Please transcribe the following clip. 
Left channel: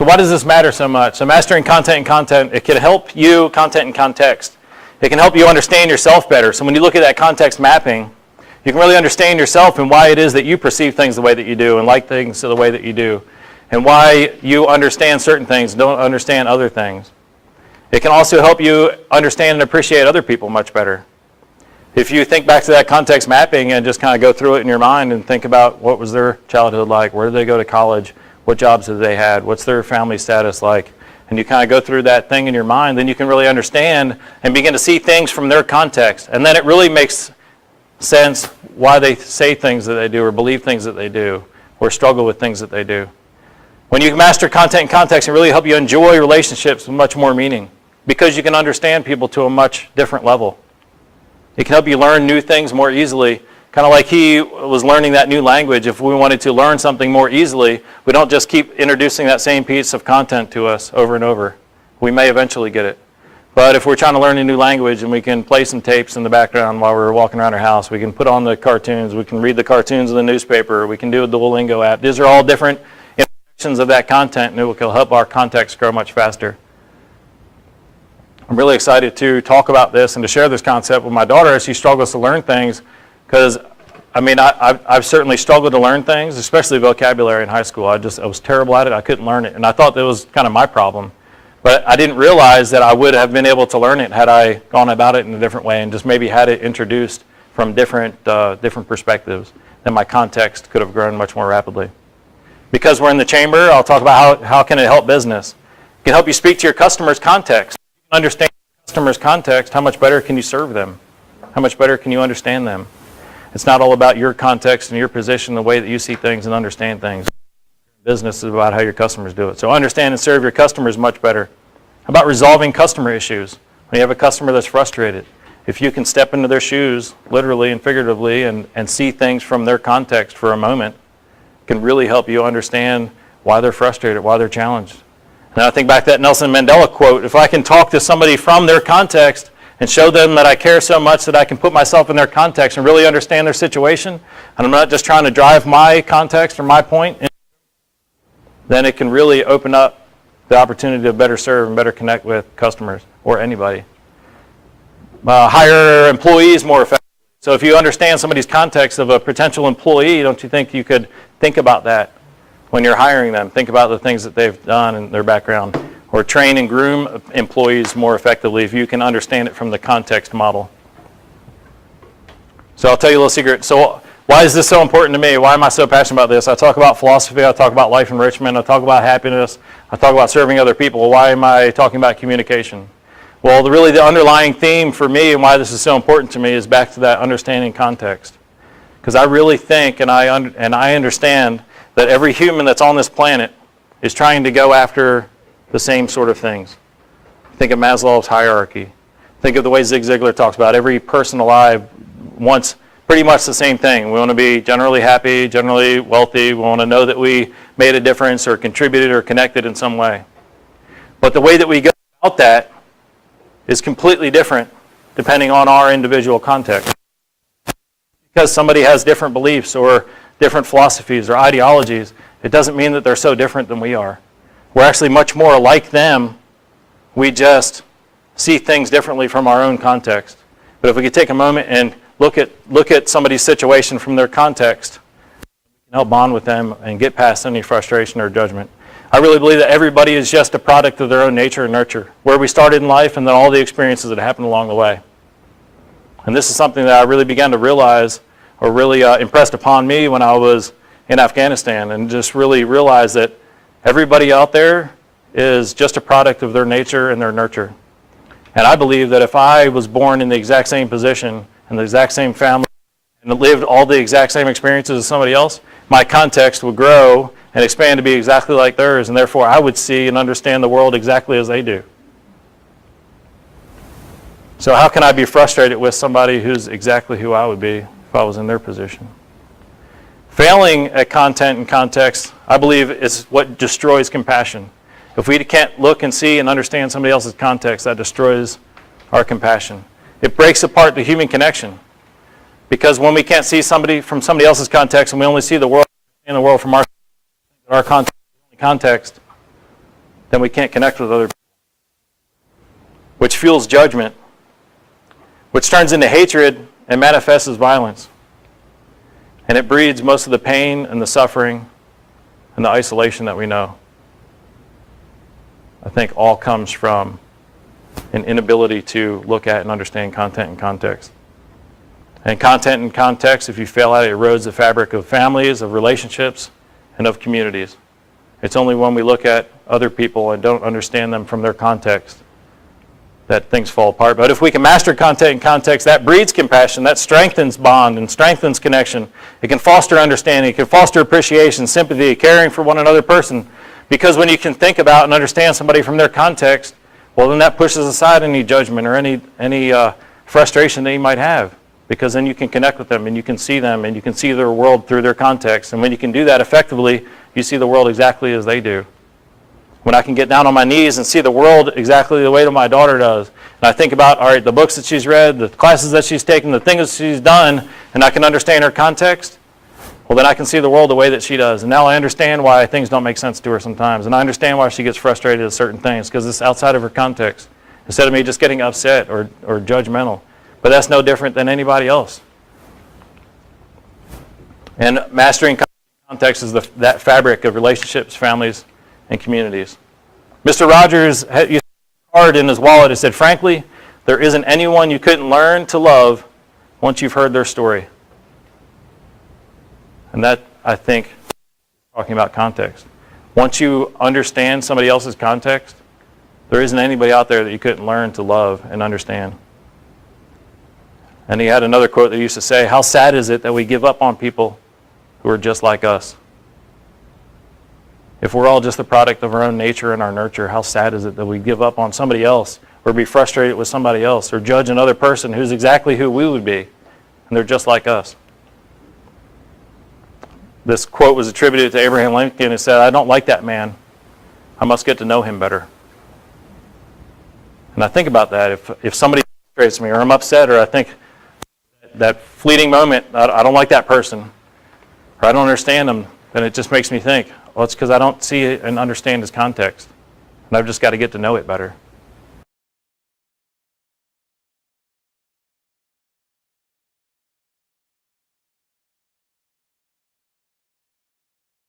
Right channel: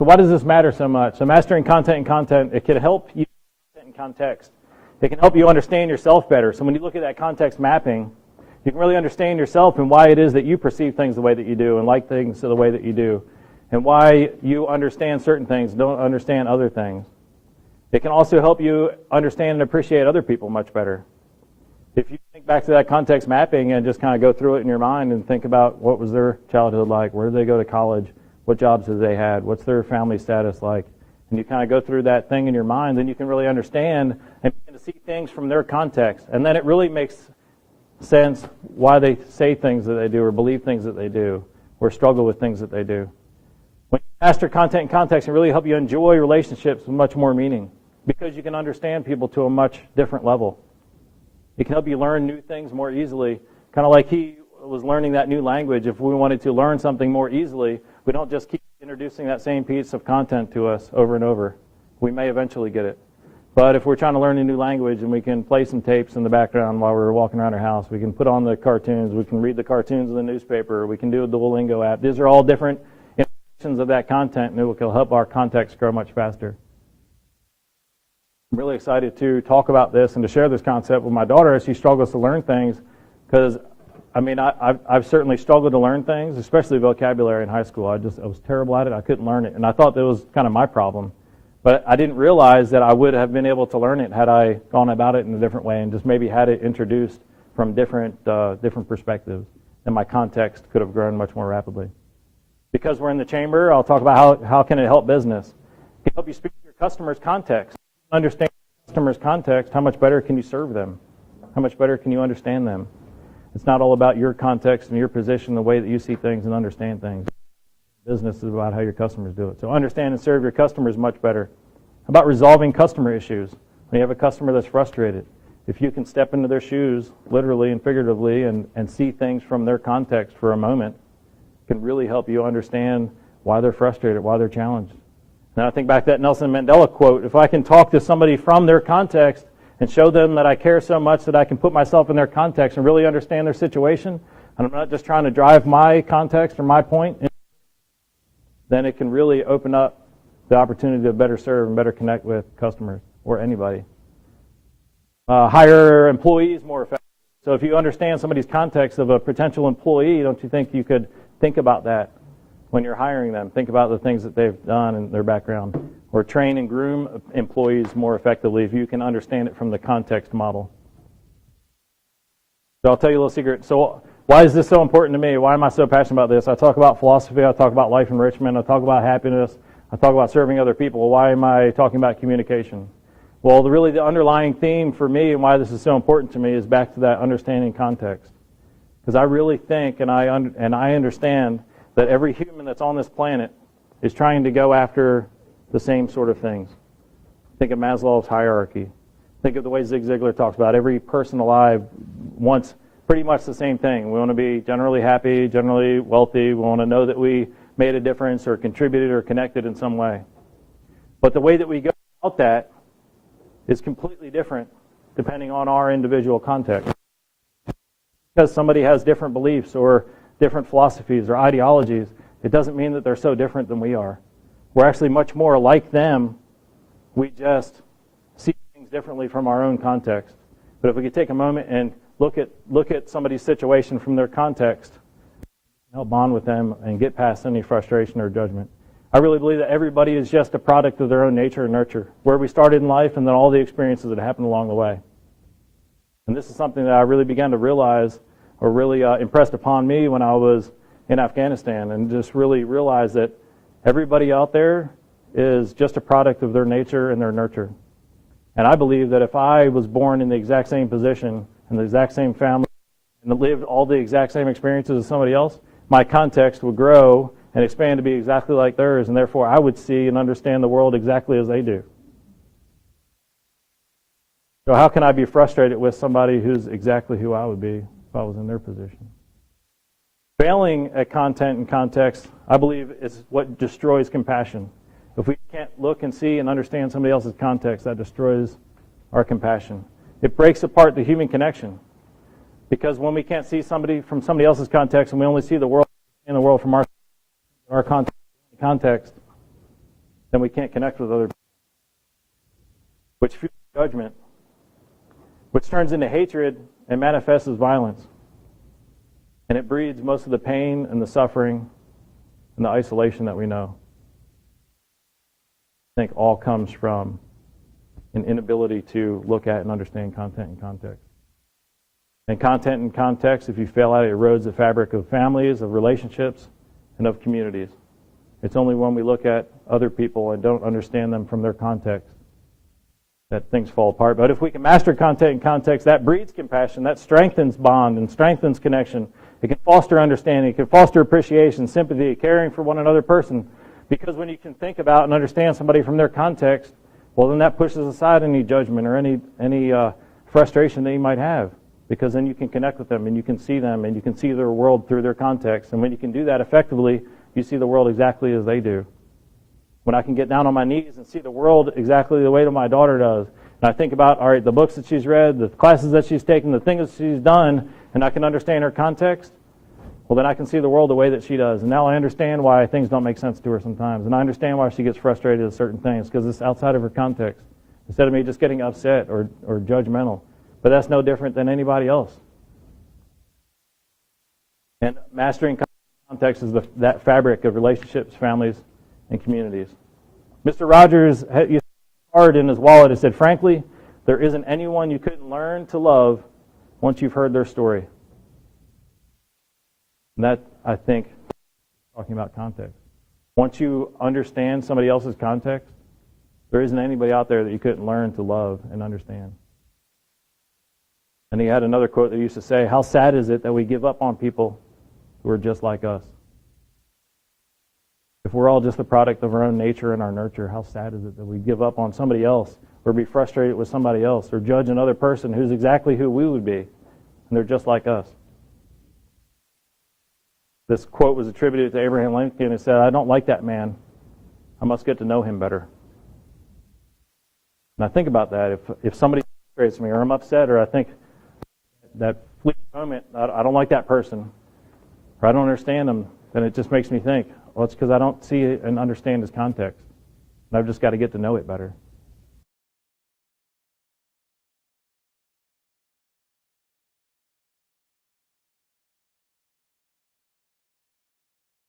So why does this matter so much? So mastering content and content, it can help you, content and context. It can help you understand yourself better. So when you look at that context mapping, you can really understand yourself and why it is that you perceive things the way that you do and like things the way that you do, and why you understand certain things and don't understand other things. It can also help you understand and appreciate other people much better. If you think back to that context mapping and just kind of go through it in your mind and think about what was their childhood like, where did they go to college, what jobs did they had, what's their family status like, and you kind of go through that thing in your mind, then you can really understand and begin to see things from their context. And then it really makes sense why they say things that they do or believe things that they do or struggle with things that they do. When you master content and context, it really help you enjoy relationships with much more meaning because you can understand people to a much different level. It can help you learn new things more easily, kind of like he was learning that new language. If we wanted to learn something more easily, we don't just keep introducing that same piece of content to us over and over. We may eventually get it. But if we're trying to learn a new language and we can play some tapes in the background while we're walking around our house, we can put on the cartoons, we can read the cartoons in the newspaper, we can do a Duolingo app. These are all different interactions of that content, and it will help our context grow much faster. I'm really excited to talk about this and to share this concept with my daughter as she struggles to learn things, because I've certainly struggled to learn things, especially vocabulary in high school. I was terrible at it. I couldn't learn it, and I thought that was kind of my problem. But I didn't realize that I would have been able to learn it had I gone about it in a different way and just maybe had it introduced from different perspectives. Then my context could have grown much more rapidly. Because we're in the chamber, I'll talk about how can it help business. It can help you speak to your customer's context. Understand your customer's context, how much better can you serve them? How much better can you understand them? It's not all about your context and your position, the way that you see things and understand things. Business is about how your customers do it. So understand and serve your customers much better. How about resolving customer issues? When you have a customer that's frustrated, if you can step into their shoes, literally and figuratively, and see things from their context for a moment, it can really help you understand why they're frustrated, why they're challenged. And I think back to that Nelson Mandela quote, if I can talk to somebody from their context and show them that I care so much that I can put myself in their context and really understand their situation, and I'm not just trying to drive my context or my point, then it can really open up the opportunity to better serve and better connect with customers or anybody. Hire employees more effectively. So if you understand somebody's context of a potential employee, don't you think you could think about that when you're hiring them? Think about the things that they've done and their background. Or train and groom employees more effectively if you can understand it from the context model. So I'll tell you a little secret. So why is this so important to me? Why am I so passionate about this? I talk about philosophy, I talk about life enrichment, I talk about happiness, I talk about serving other people. Why am I talking about communication? Well, really the underlying theme for me and why this is so important to me is back to that understanding context. Because I really think and I understand that every human that's on this planet is trying to go after the same sort of things. Think of Maslow's hierarchy. Think of the way Zig Ziglar talks about every person alive wants pretty much the same thing. We want to be generally happy, generally wealthy. We want to know that we made a difference or contributed or connected in some way. But the way that we go about that is completely different depending on our individual context. Because somebody has different beliefs or different philosophies or ideologies, it doesn't mean that they're so different than we are. We're actually much more like them. We just see things differently from our own context. But if we could take a moment and look at somebody's situation from their context, we can help bond with them and get past any frustration or judgment. I really believe that everybody is just a product of their own nature and nurture, where we started in life and then all the experiences that happened along the way. And this is something that I really began to realize, or really impressed upon me when I was in Afghanistan, and just really realized that everybody out there is just a product of their nature and their nurture. And I believe that if I was born in the exact same position, in the exact same family, and lived all the exact same experiences as somebody else, my context would grow and expand to be exactly like theirs, and therefore I would see and understand the world exactly as they do. So how can I be frustrated with somebody who's exactly who I would be if I was in their position? Failing at content and context, I believe, is what destroys compassion. If we can't look and see and understand somebody else's context, that destroys our compassion. It breaks apart the human connection. Because when we can't see somebody from somebody else's context and we only see the world from our context, then we can't connect with other people, which fuels judgment, which turns into hatred and manifests as violence. And it breeds most of the pain and the suffering and the isolation that we know. I think all comes from an inability to look at and understand content and context. And content and context, if you fail at it, erodes the fabric of families, of relationships, and of communities. It's only when we look at other people and don't understand them from their context that things fall apart. But if we can master content and context, that breeds compassion, that strengthens bond and strengthens connection. It can foster understanding, it can foster appreciation, sympathy, caring for one another person. Because when you can think about and understand somebody from their context, well, then that pushes aside any judgment or any frustration that you might have. Because then you can connect with them and you can see them and you can see their world through their context. And when you can do that effectively, you see the world exactly as they do. When I can get down on my knees and see the world exactly the way that my daughter does, and I think about, all right, the books that she's read, the classes that she's taken, the things that she's done, and I can understand her context, well, then I can see the world the way that she does. And now I understand why things don't make sense to her sometimes. And I understand why she gets frustrated at certain things, because it's outside of her context, instead of me just getting upset or judgmental. But that's no different than anybody else. And mastering context is that fabric of relationships, families, and communities. Mr. Rogers used a card in his wallet. It said, "Frankly, there isn't anyone you couldn't learn to love once you've heard their story." And that, I think, talking about context. Once you understand somebody else's context, there isn't anybody out there that you couldn't learn to love and understand. And he had another quote that he used to say, "How sad is it that we give up on people who are just like us? If we're all just the product of our own nature and our nurture, how sad is it that we give up on somebody else or be frustrated with somebody else or judge another person who's exactly who we would be, and they're just like us?" This quote was attributed to Abraham Lincoln. It said, "I don't like that man. I must get to know him better." And I think about that. If somebody frustrates me or I'm upset or I think that fleeting moment, I don't like that person or I don't understand them, then it just makes me think, well, it's because I don't see and understand his context. And I've just got to get to know it better.